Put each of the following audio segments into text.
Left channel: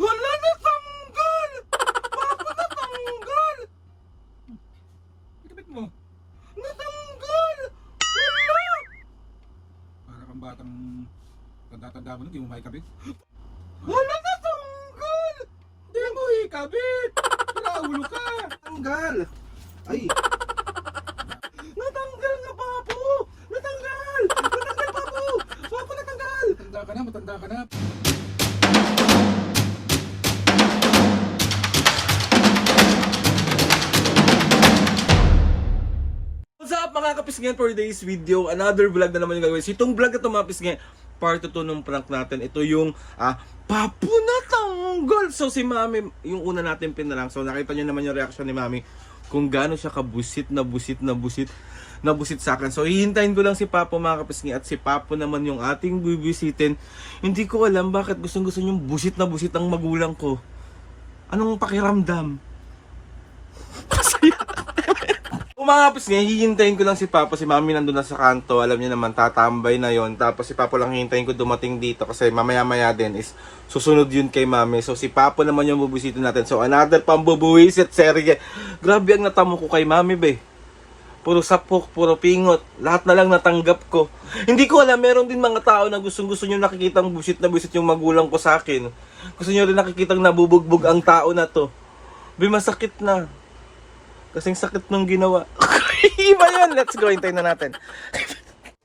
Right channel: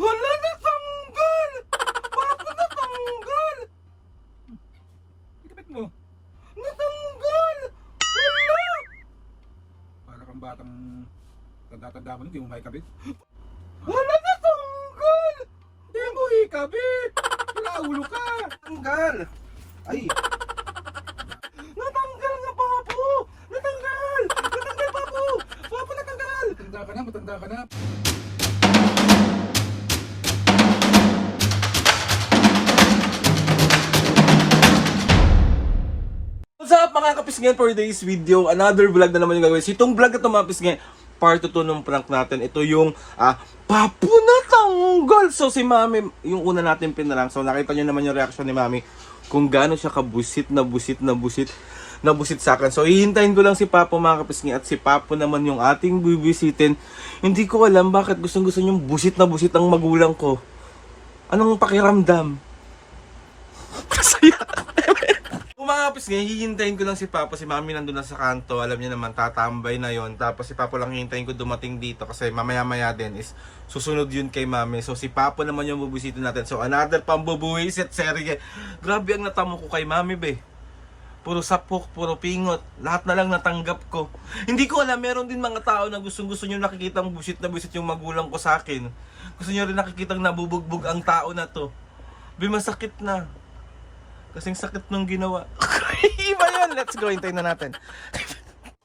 Wala na tanggal! Papa natanggal! Ikabit mo. Natanggal! Wala! Para kang batang tanda-tanda mo, hindi mo maikabit. Wala na tanggal! Hindi mo ikabit! Pinaulo ka! Tanggal! Ay! Natanggal nga, Papo! Natanggal! Natanggal, Papo! Papo, natanggal! Matanda ka na, matanda ka na. What's up mga kapisngan, for today's video, another vlog na naman yung gagawin. So itong vlog na ito mga kapisngan, part 2 ng prank natin. Ito yung Papo natanggal. So si Mami, yung una natin pinarang. So nakita nyo naman yung reaction ni Mami kung gaano siya kabusit na busit sa akin. So hihintayin ko lang si Papo mga kapisngan, at si Papo naman yung ating bibisitin. Hindi ko alam bakit gustong gusto niyong busit ang magulang ko. Anong pakiramdam? Mga kapis ngayon, hihintayin ko lang si Papa. Si Mami nandun na sa kanto. Alam niyo naman, tatambay na yon. Tapos si Papa lang hihintayin ko dumating dito. Kasi mamaya-maya din is susunod yun kay Mami. So si Papa naman yung bubisitin natin. So another pambubuwisit serye. Grabe ang natamo ko kay Mami be. Puro sapok, puro pingot. Lahat na lang natanggap ko. Hindi ko alam, meron din mga tao na gusto nyo nakikitang busit na busit yung magulang ko sa akin. Gusto nyo rin nakikitang nabubugbog ang tao na to. Be, masakit na. Kasing sakit nung ginawa. Iba yan. Let's go. Hintayin na natin.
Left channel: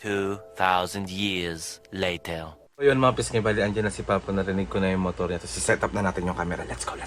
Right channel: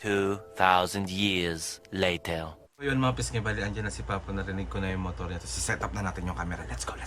2,000 years later. So yun mga pisngay, bali andyan na si Papa. Narinig ko na yung motor niya. Tapos set up na natin yung camera. Let's go.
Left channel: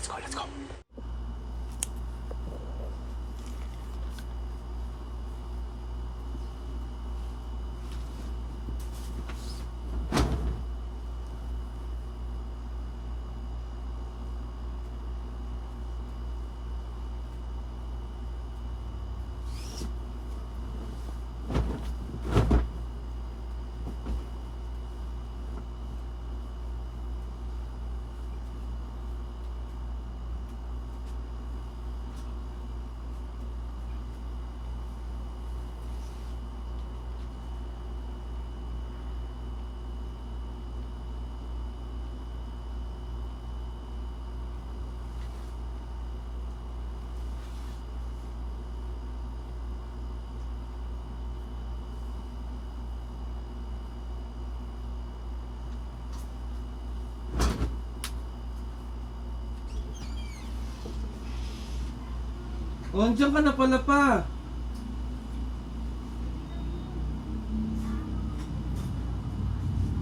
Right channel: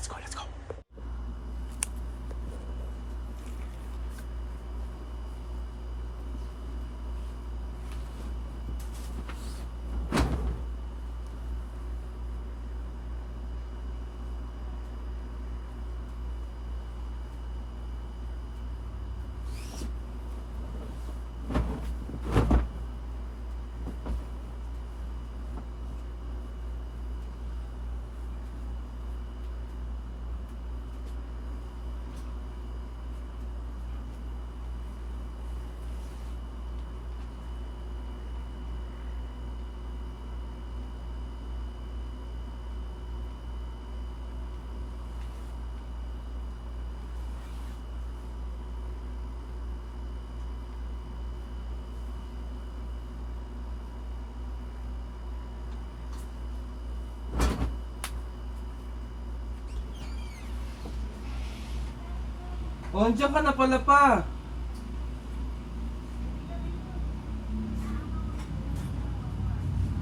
Oh, andyan ka na pala pa.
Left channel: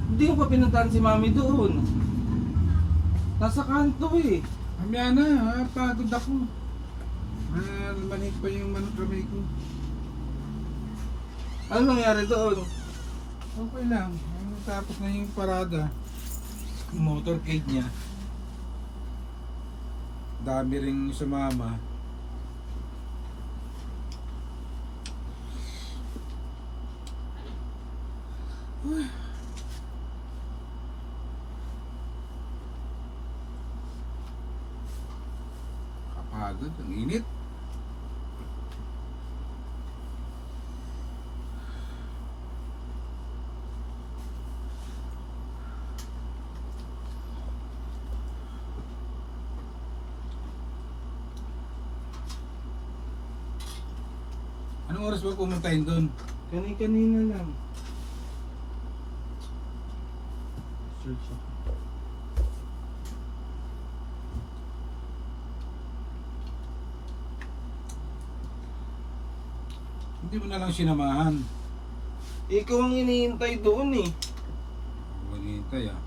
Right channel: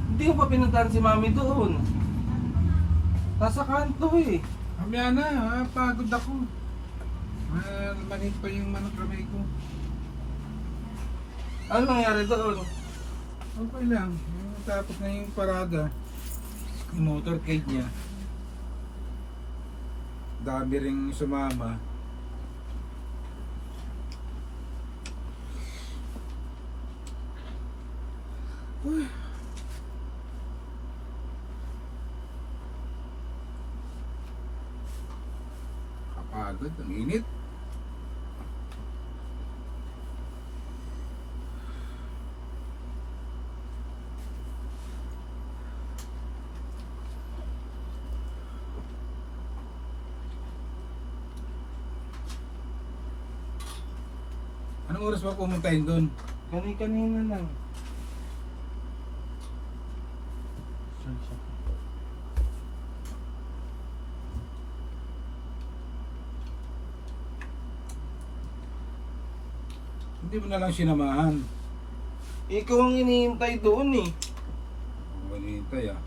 Hindi ko pa pinuntahan si Mami doon. Nasa kanto eh. Mamaya na, pagod ako. Maliit pa yung manok ramay ko. Ano nangyari doon? Okay lang. Tapos na yung parada. Yung motorcade niya. Dami ring sumama. Uy. Kapagod, ang init. Anong oras ba pumuntahin doon? Kanina lang. Hindi mo na lang sinamahan. Ikaw ang hinihintay doon eh. Malintay ah.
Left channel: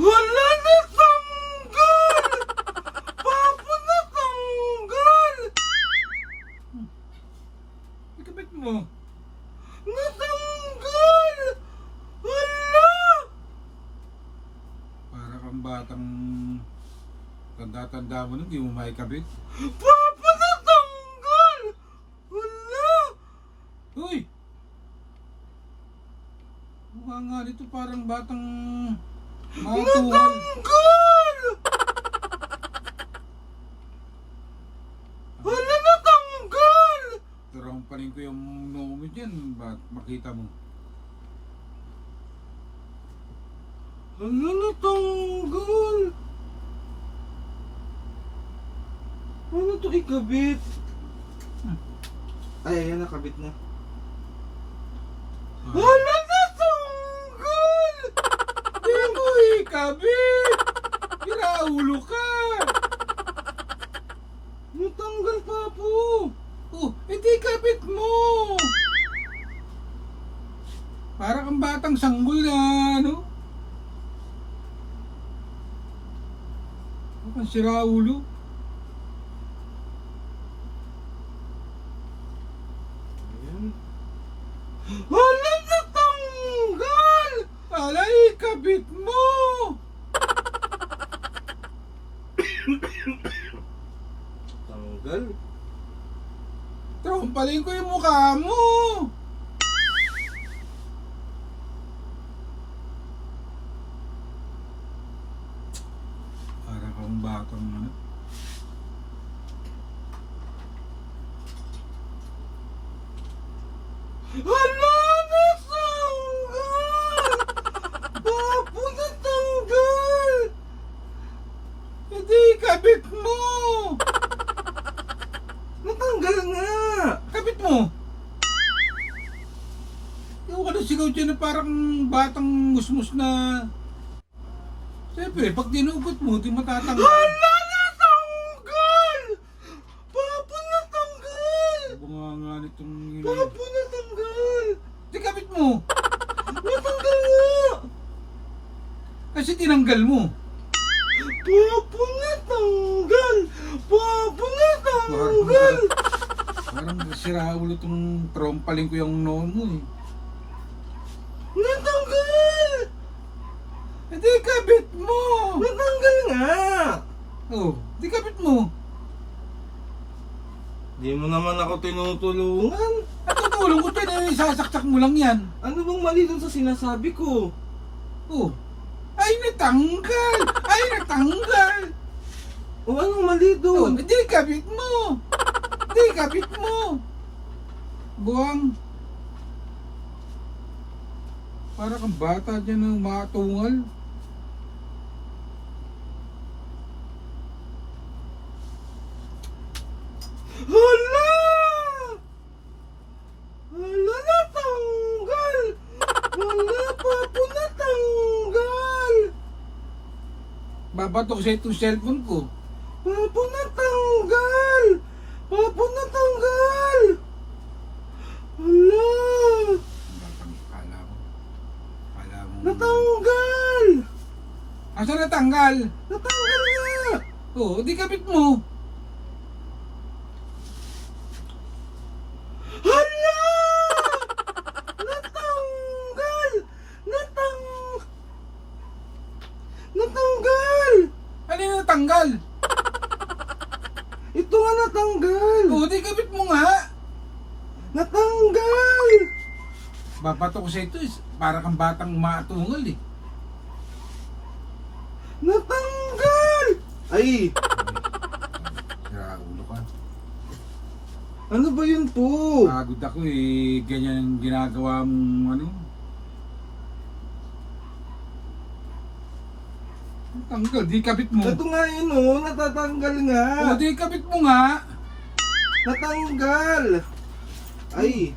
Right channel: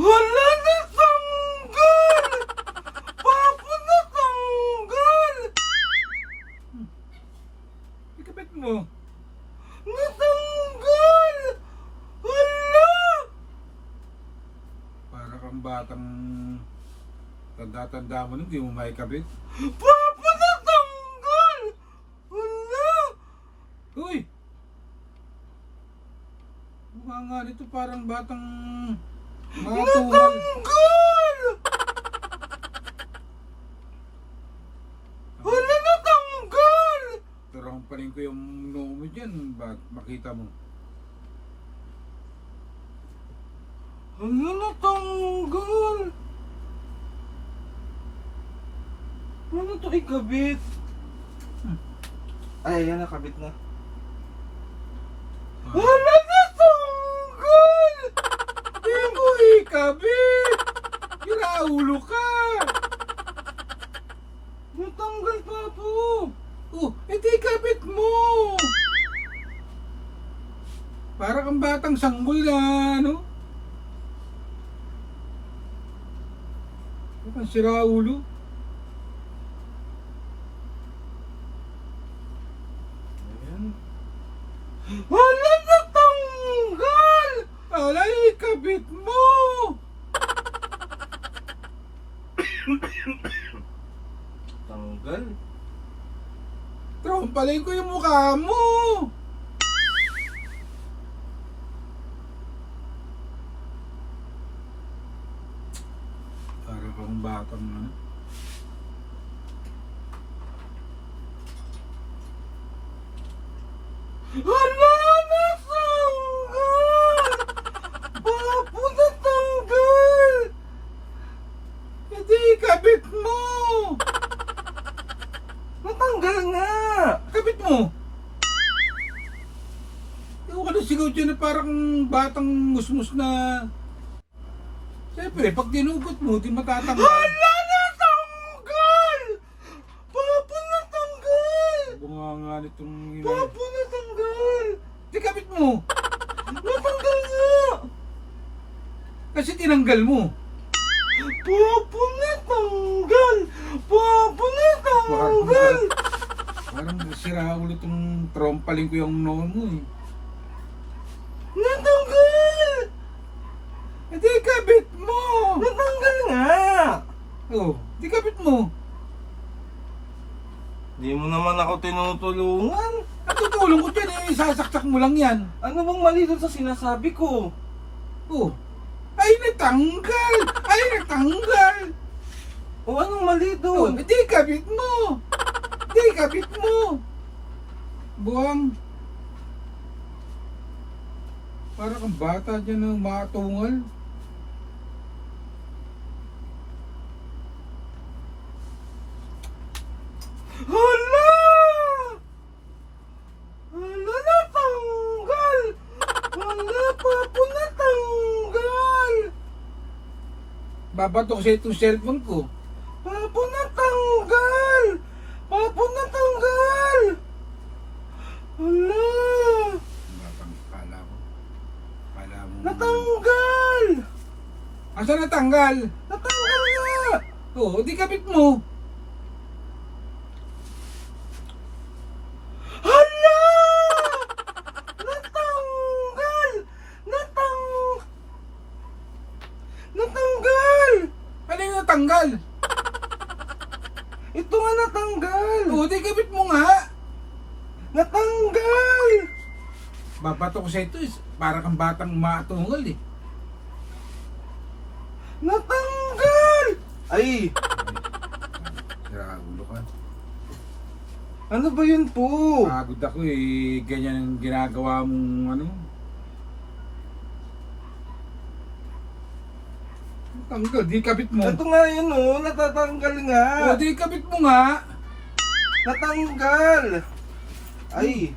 Wala na tanggal! Papo natanggal! Ikabit mo. Natanggal! Wala! Para kang batang tanda-tanda mo, hindi mo maikabit. Papo natanggal! Wala! Uy! Mukha nga nito parang batang matuwal. Natanggal! Wala natanggal! Turahan pa rin ko yung noo mo dyan. Bakit makita mo? Ano natanggal? Ano to ikabit? Ay, ayan, nakabit na. Ano natanggal? Di mo ikabit! Ginaulo ka! Natanggal pa po. Oh, edi ikabit mo! Para kang batang sanggol na, ano? Ano kang siraulo? Ayan. Ano natanggal? Ala, ikabit mo! Tanggal. Trompalin ko yung mukha mo! Para kang batang ano? Hala! Natanggal! Papo natanggal! Hindi ikabit mo! Natanggal nga. Kabit mo! Ewan ka na sigaw dyan na parang batang musmus na... Siyempre, pag dinugot mo, di matatanggal. Hala! Natanggal! Papo natanggal! Bunga nga nitong... Papo natanggal! Di kabit mo! Natanggal nga! Kasi tinanggal mo. Papo natanggal! Papo natanggal! Parang sira ulo itong trompaling ko yung noon mo eh. Natanggal! Hindi kabit mo! Natanggal nga. Oh, di kabit mo. Di mo naman ako tinutulungan. At tutulong ko dyan eh, sasaksak mo lang yan. Ano bang mali dun sa sinasabi ko? Oh, ay natanggal! Ay natanggal! O anong mali Oh, dun? hindi kabit mo! Hindi kabit mo! Buwang. Para kang bata dyan ng matungal. Hala! Hala, natanggal! Hala, papo natanggal! Babato ko sa itong cellphone ko. Papo natanggal! Papo natanggal! Hala! Kala mo. Natanggal! Asa natanggal? Natanggal nga! Oo, di kabit mo. Hala! Natanggal! Natanggal! Ano yung natanggal? Ito nga natanggal. Oo, di kabit mo nga. Natanggal. Babato ko sa ito, para kang batang matungal eh. Natanggal. Ay, Ulo ka. ano ba yun po? Pagod ako eh, ganyan ang ginagawa mong ano. Tanggal, di kabit mo. Ito nga yun oh, natatanggal nga. Oo, di kabit mo nga. Natanggal. Ay,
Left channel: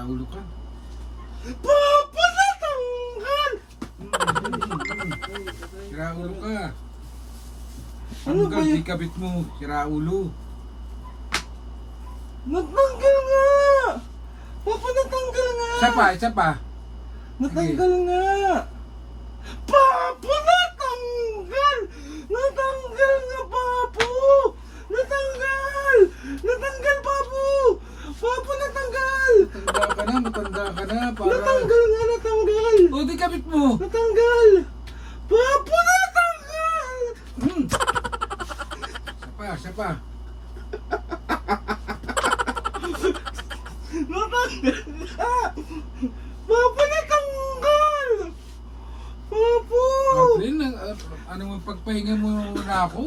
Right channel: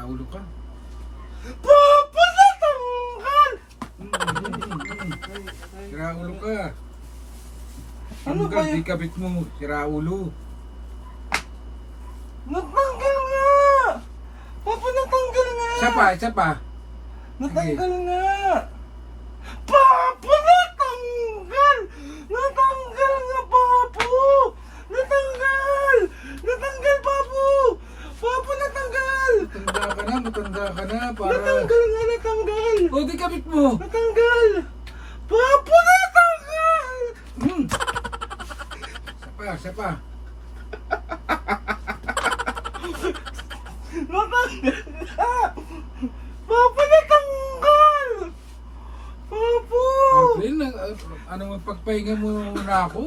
Ulo ka. Papa, natanggal. Ulo ka. Ano ba Tanggal, yun? di kabit mo. Ulo. Natanggal nga. Papa, natanggal nga. Isa pa. Natanggal nga. Papa, natanggal. Natanggal nga, Papo. Natanggal. Natanggal, Papo. Papo, natanggal. Matanda ka na. Para... Natanggal nga, natanggal. O, di kabit mo. Natanggal. Papo, natanggal. Isa pa. Natanggal. Papa, natanggal. Papo. April, ano ang pagpahinga mo na ako?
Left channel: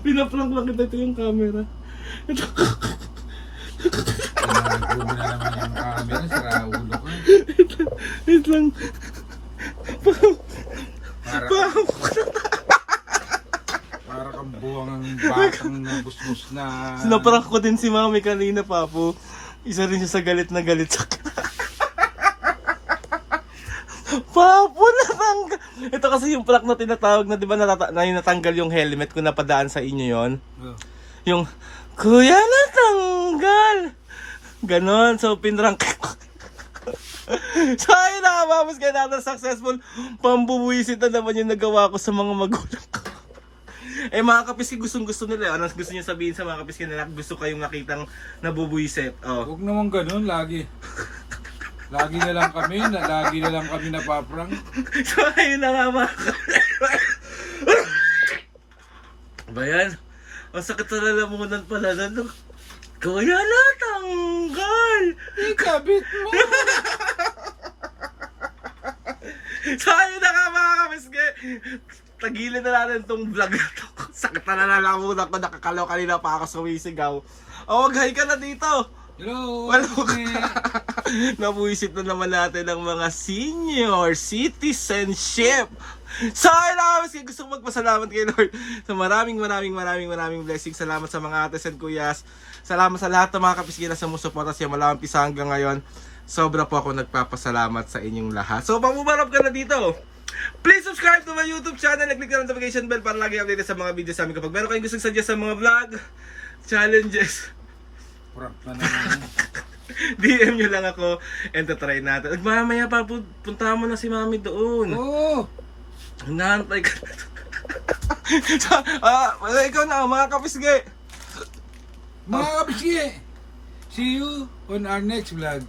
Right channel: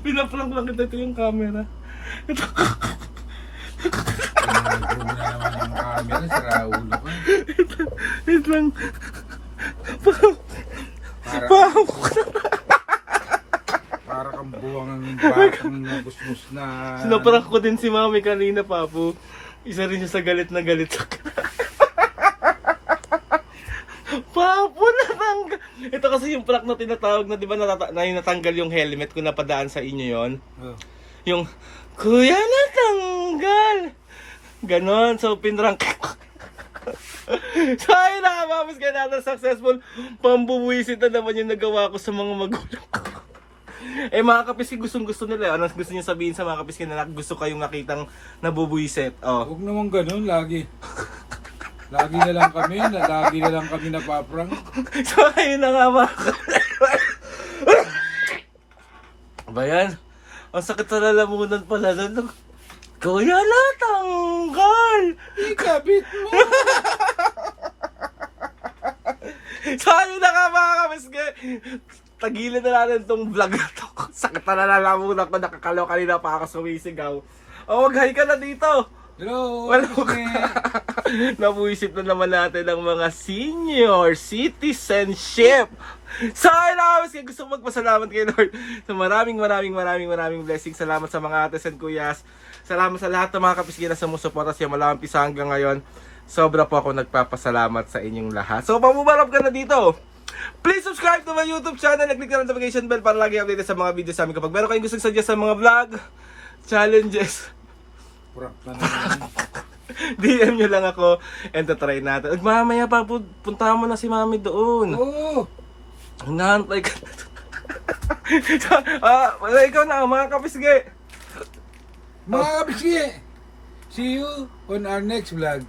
Pinaprank lang kita ito yung camera. Pinagawa mo na naman yung camera, sira ulo ka. Wait lang. Para kang buwang ang batang nagusmus na... Sinaprank ko din si Mami kanina, Papo. Isa rin siya sa galit na galit sa akin. Papo, natanggal. Ito kasi yung prank na tinatawag na, di ba, natanggal yung helmet ko, napadaan sa inyo yon. Oh. Yung, Kuya, natanggal. Ganon, so pinrank ko. So ayun na, Papos, kaya natin successful pambubuisit na naman yung nagawa ko sa mga magulang ko. Eh mga kapiski, gustong-gusto nila. Ano gusto niyo sabihin sa mga kapiski na gusto kayong nakitang nabubuisit? Oh. Huwag naman ganun, lagi. Lagi na lang kami napaprang. So ayun na nga mga kapiski. Ba yan? Ang sakit sa lalamunan pala na. Kuya, natanggal! Ikabit mo! So ayun na nga mga kapiski. Tagilin na natin tong vlog na to. Sakit na nalalamunan ko, nakakalaw kanina pa ako sumisigaw. O, mag-hi ka na dito. Hello! Wala ka. Nabuisip na naman natin ang mga senior citizenship. So, ayun, gusto ko magpasalamat kay Lord sa maraming blessings. Salamat sa mga ates and kuyas. Salamat sa lahat ng mga kapiski na sumusuporta siya malamang pisa hanggang ngayon. Sobra po ako nagpapasalamat sa inyong lahat. So, pamubarap ka na dito. Please subscribe to my YouTube channel. Click na notification bell para lagi updated sa mga videos namin. Kapag meron kayong gusto suggest sa mga vlog, challenges, Prank na naman. DM nyo lang ako and try natin. At mamaya pa, puntahan mo na si Mami doon. Oo! Nahantay ka. Ikaw na, mga kapisgi. Mga kapiski, see you on our next vlog.